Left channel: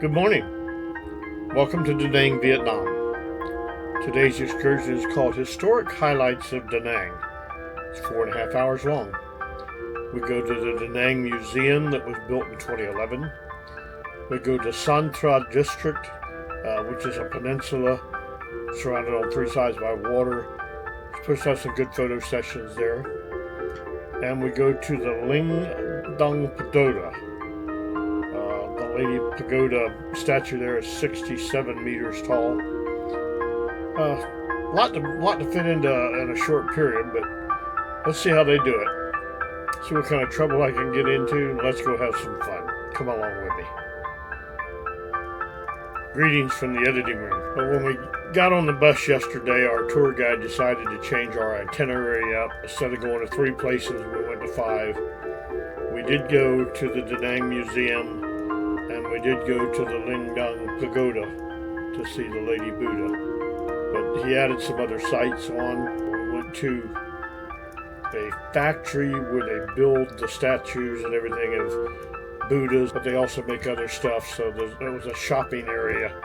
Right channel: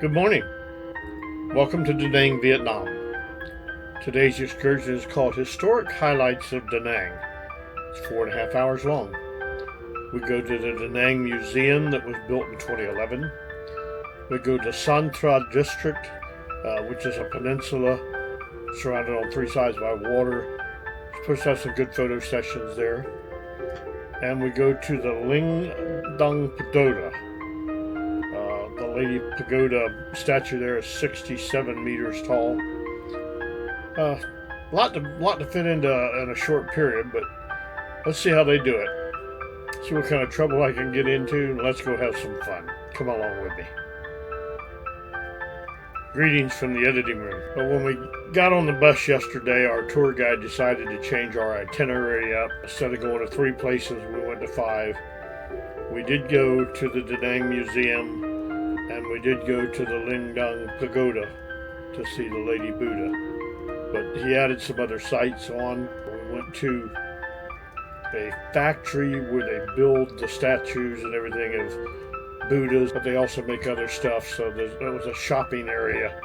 Good morning. Welcome to Da Nang, Vietnam. Today's excursion is called Historic Highlights of Da Nang. It's 4.5 hours long. We go to the Da Nang Museum that was built in 2011. We go to San Tra District, which is a peninsula surrounded on three sides by water. It's supposed to have some good photo sessions there. And we go to the Linh Ung Pagoda. The Lady Pagoda statue there is 67 meters tall. Lot to fit into in a short period, but let's see how they do it. See what kind of trouble I can get into, and let's go have some fun. Come along with me. Greetings from the editing room. But when we got on the bus yesterday, our tour guide decided to change our itinerary up. Instead of going to 3 places, we went to 5. We did go to the Da Nang Museum, and we did go to the Linh Ung Pagoda to see the Lady Buddha. But he added some other sites on. We went to a factory where they build the statues and everything of Buddhas, but they also make other stuff. So there was a shopping area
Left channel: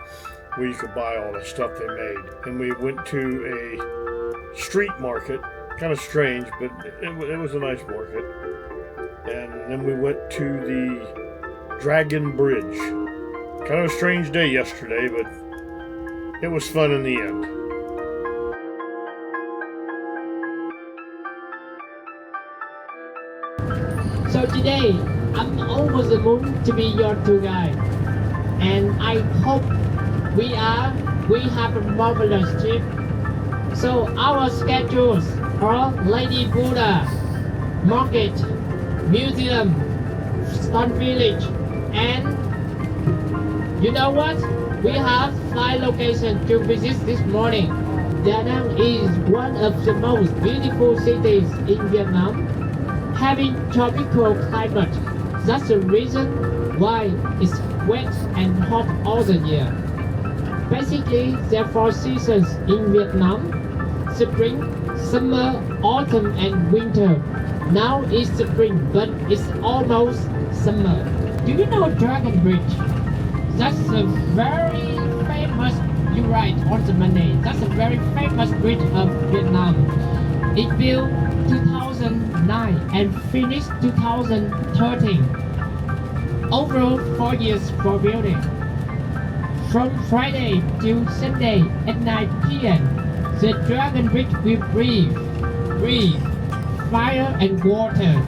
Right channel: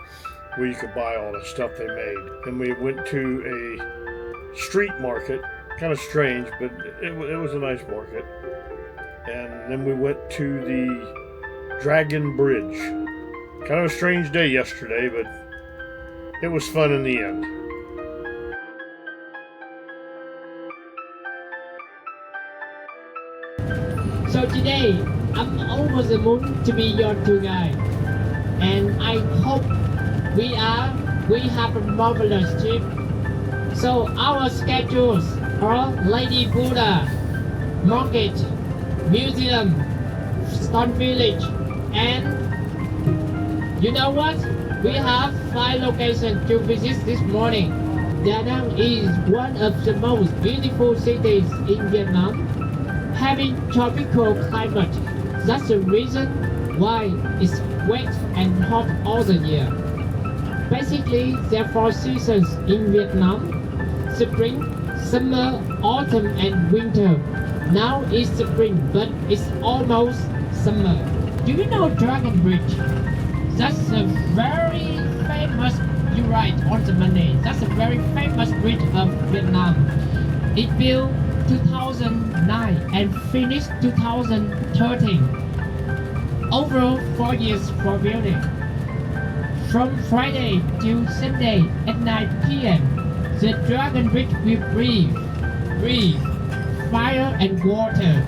where you could buy all the stuff they made. And we went to a street market, kind of strange, but it was a nice market. And then we went to the Dragon Bridge. Kind of a strange day yesterday, but it was fun in the end. So today, I'm over the moon to be your tour guide, and I hope we have a marvelous trip. So our schedules are Lady Buddha, Market, Museum, Stone Village, and you know what? We have 5 locations to visit this morning. Da Nang is one of the most beautiful cities in Vietnam, having tropical climate. That's the reason why it's wet and hot all the year. Basically, there are 4 seasons in Vietnam: spring, summer, autumn, and winter. Now it's spring, but it's almost summer. Do you know Dragon Bridge? That's a very famous, you're right, on the Monday. That's a very famous bridge of Vietnam. It built 2009 and finished 2013. Overall 4 years for building. From Friday to Sunday at 9 p.m., the Dragon Bridge will breathe fire and water.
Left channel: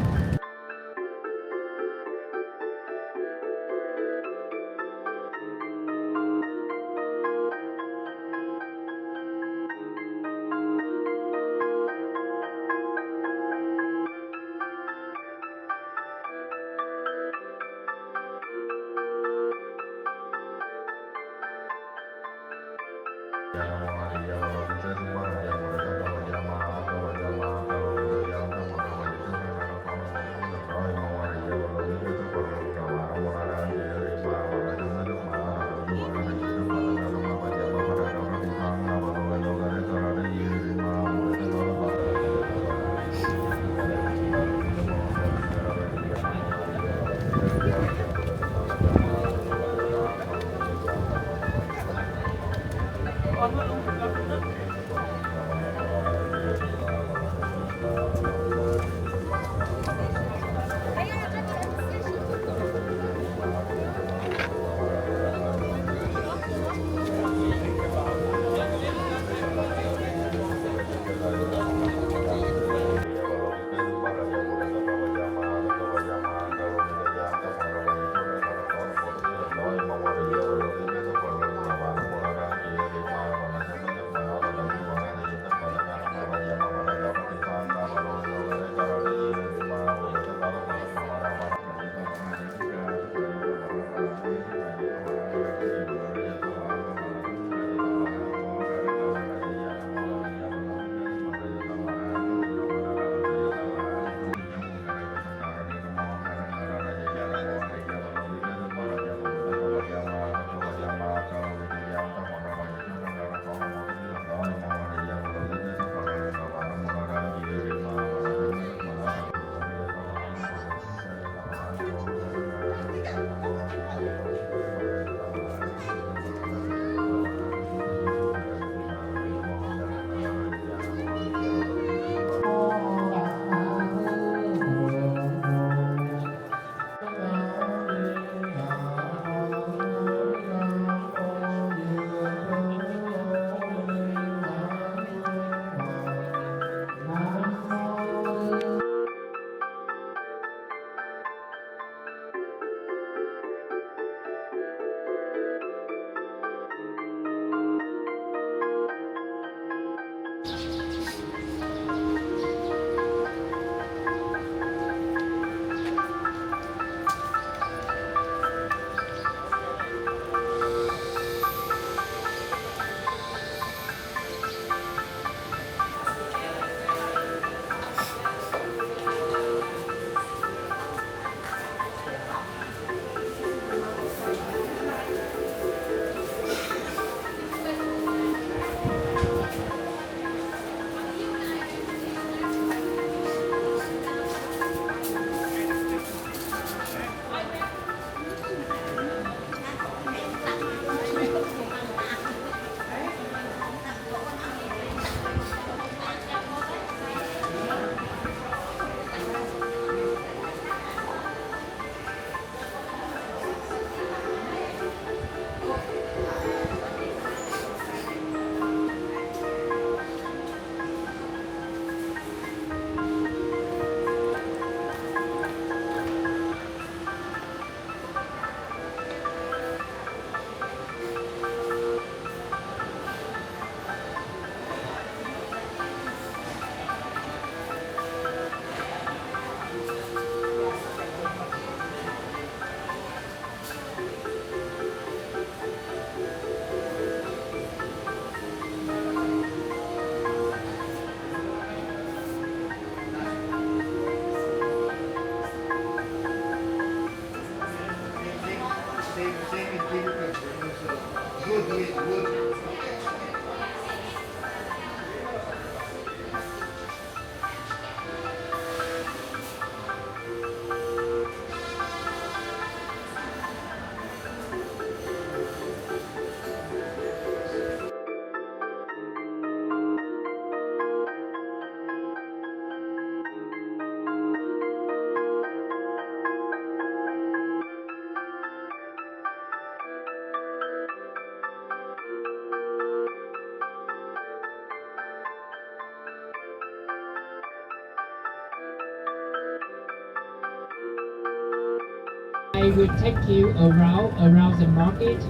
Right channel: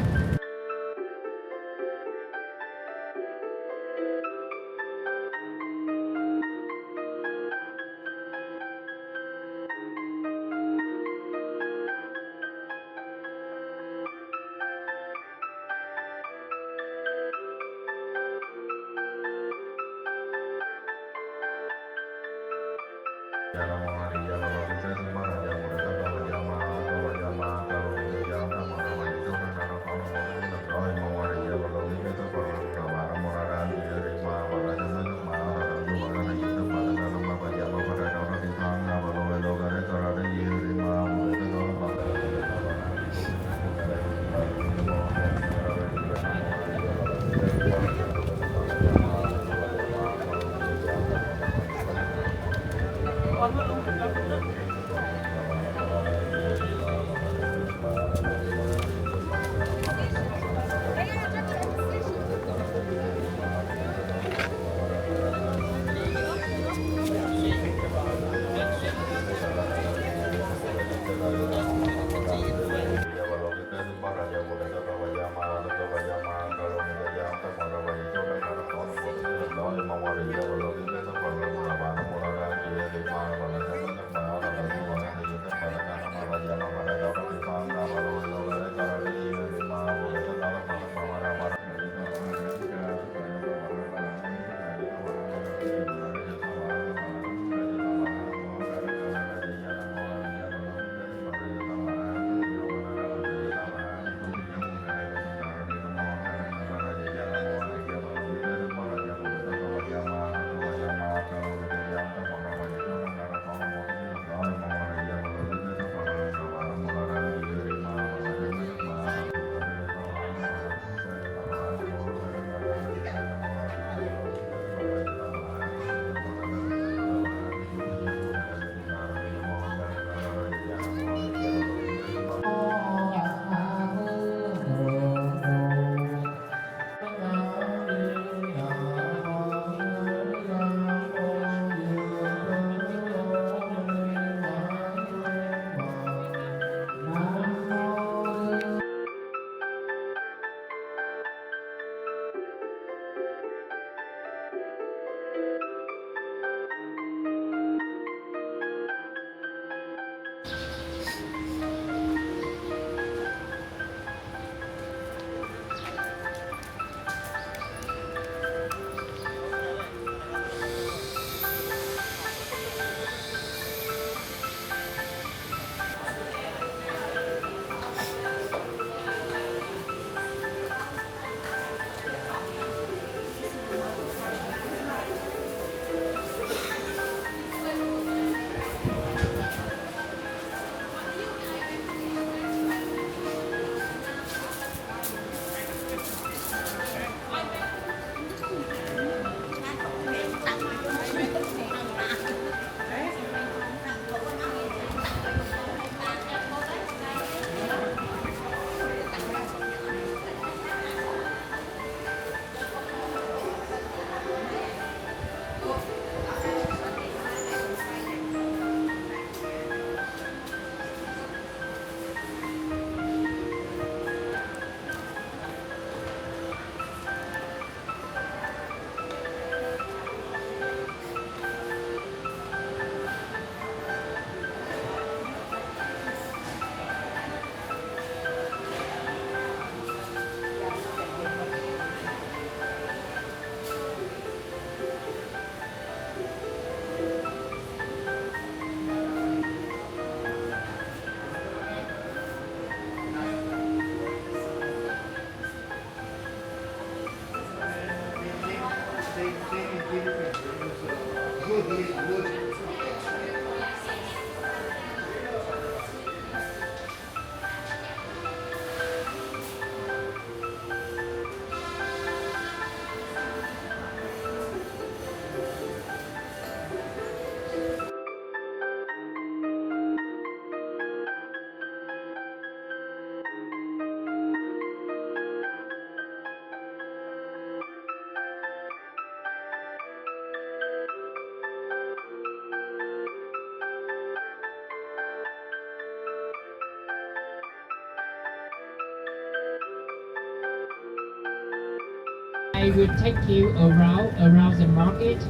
I will take you around the market,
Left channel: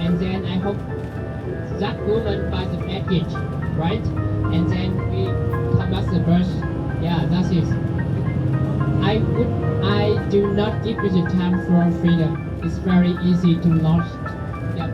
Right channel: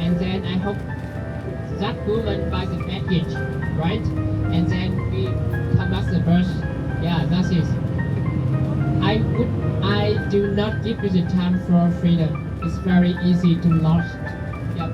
and then I hope that woman buys the package, right? And then we come back the bus. Yeah, that's it. I do not give you the time for freedom. It's very easy to lost. Yep.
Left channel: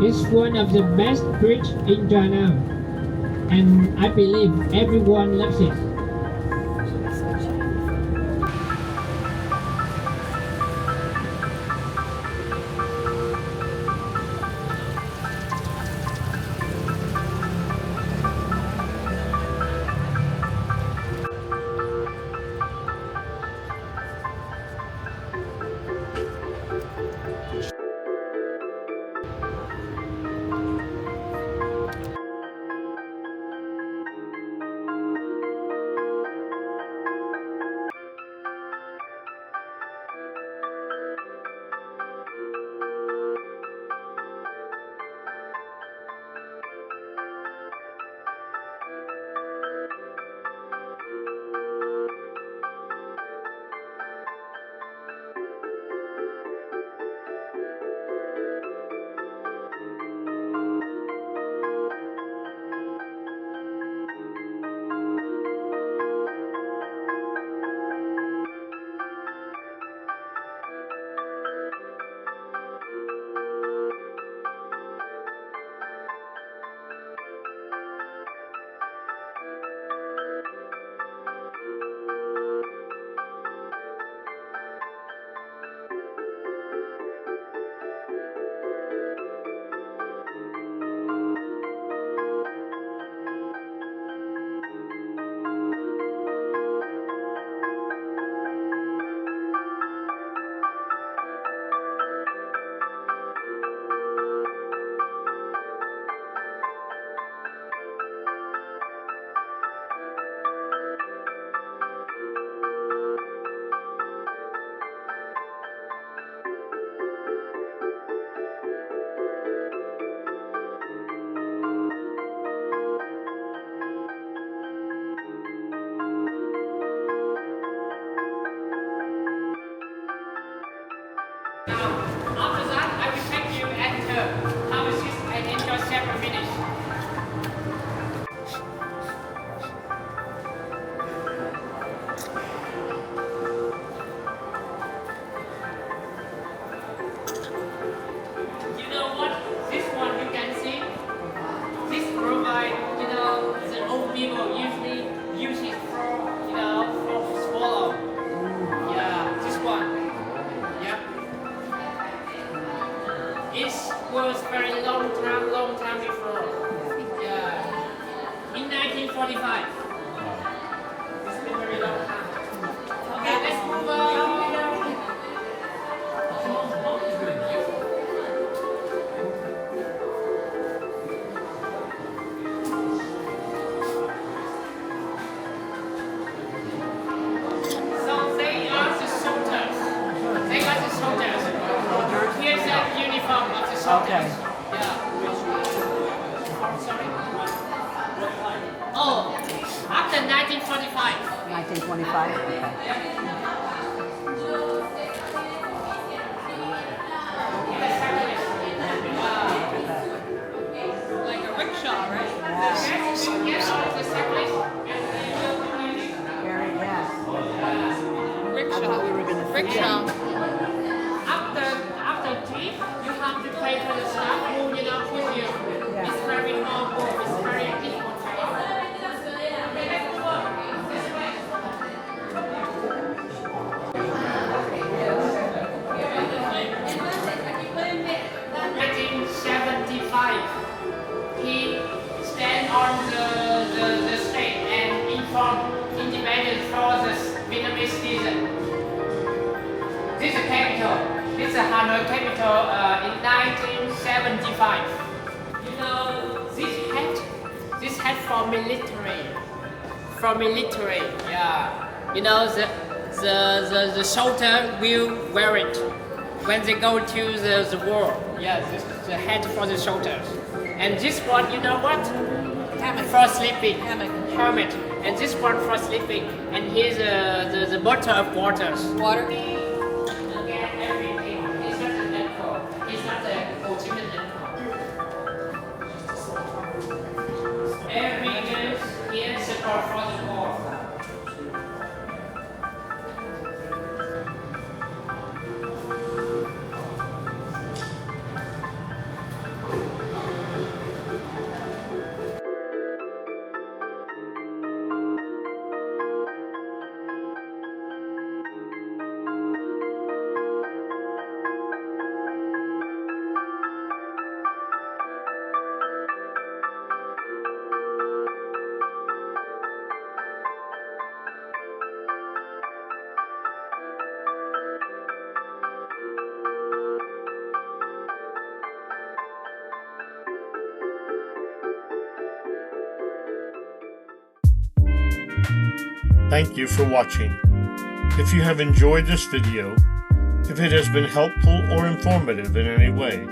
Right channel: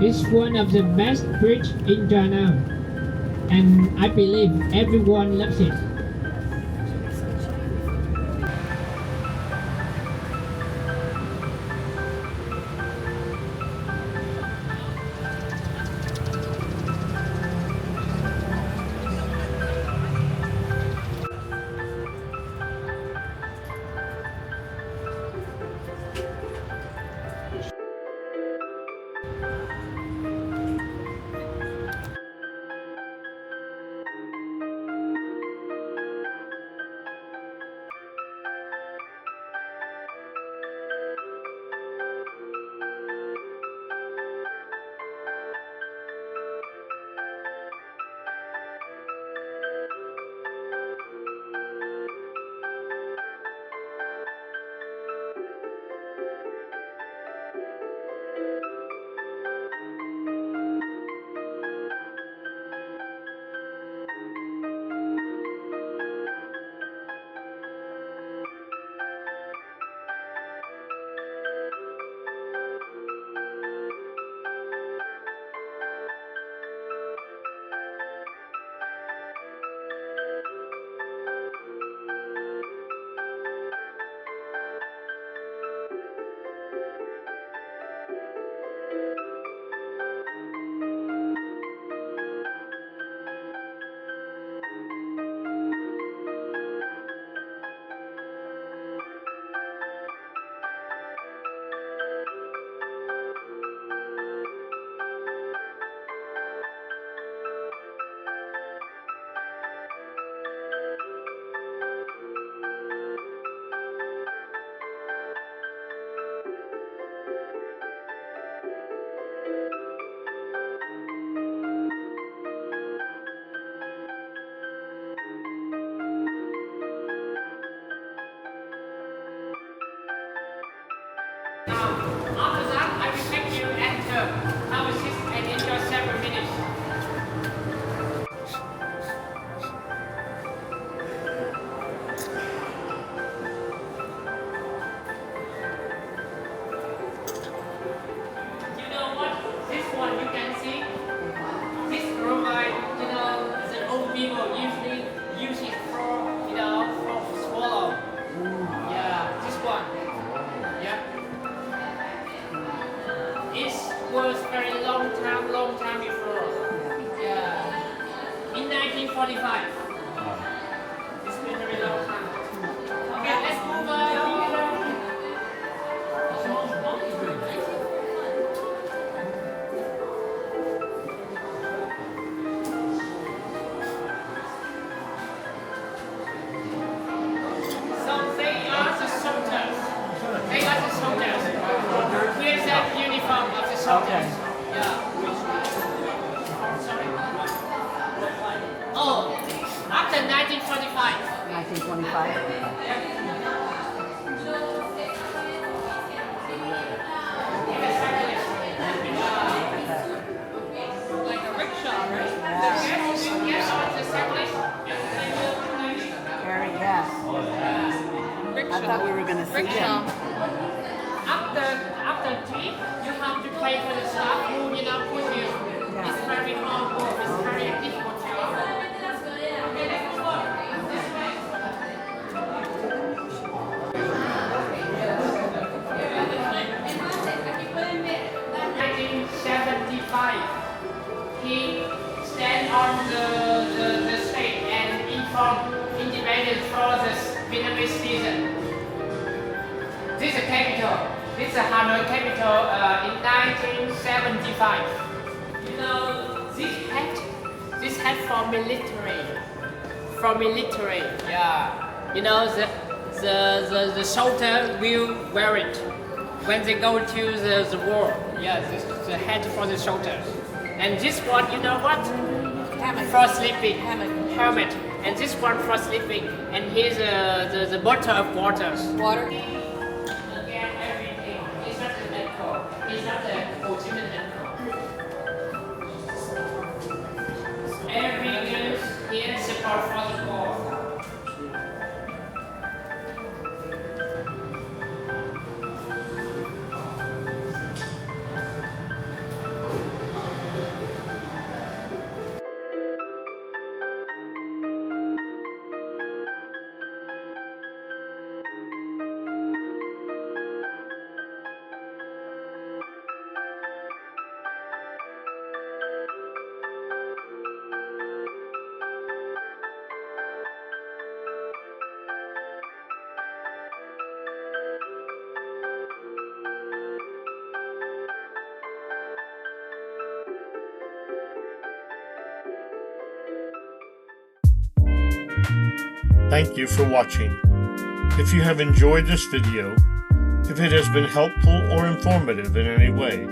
It's one of the best bridge in China, and I believe everyone loves it. After that, I will take you and have a seat and enjoy several minutes. You know what? This one you can see. This provide, the old people usually use it for swallow. Yeah, this one. Yeah. It was very long time before. Yeah. In 1945. It's been very long time. Okay, let's move on. So shoulders. Okay. Yeah. Oh, after 1945. 1925. Like a rickshaw, right? Yes. We get on the cyclist and then Very, yes. I thought we were going to see rickshaw. After trip, you have to pay for the staff who with you. Yeah. It's very hard work. It's very difficult job. Okay, let's move on. This way. 1975, he stand on the stage and inform independence for the Vietnamese citizen. This is the capital. This is the Hanoi capital in 1975. You know, this hat for military. For military, yeah. You know, the soldier will wear it when they go to the war. Yeah, this is the hat for the soldiers. And this one, you know what? Hammock. For sleeping. Hammock. Helmet. And this one for sleeping. And here's the bottle of waters. Water. Again, everything. It's not an alcohol. It's not an ultimate alcohol. Every news here support for the war. Thank you for watching. If you have enjoyed this video, if it has been helpful or informative in any way,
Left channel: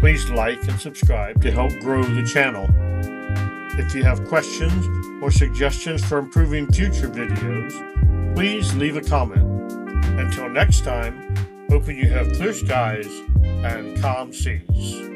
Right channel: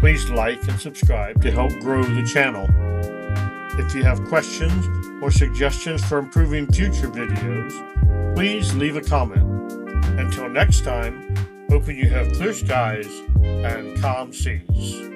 please like and subscribe to help grow the channel. If you have questions or suggestions for improving future videos, please leave a comment. Until next time, hoping you have clear skies and calm seas.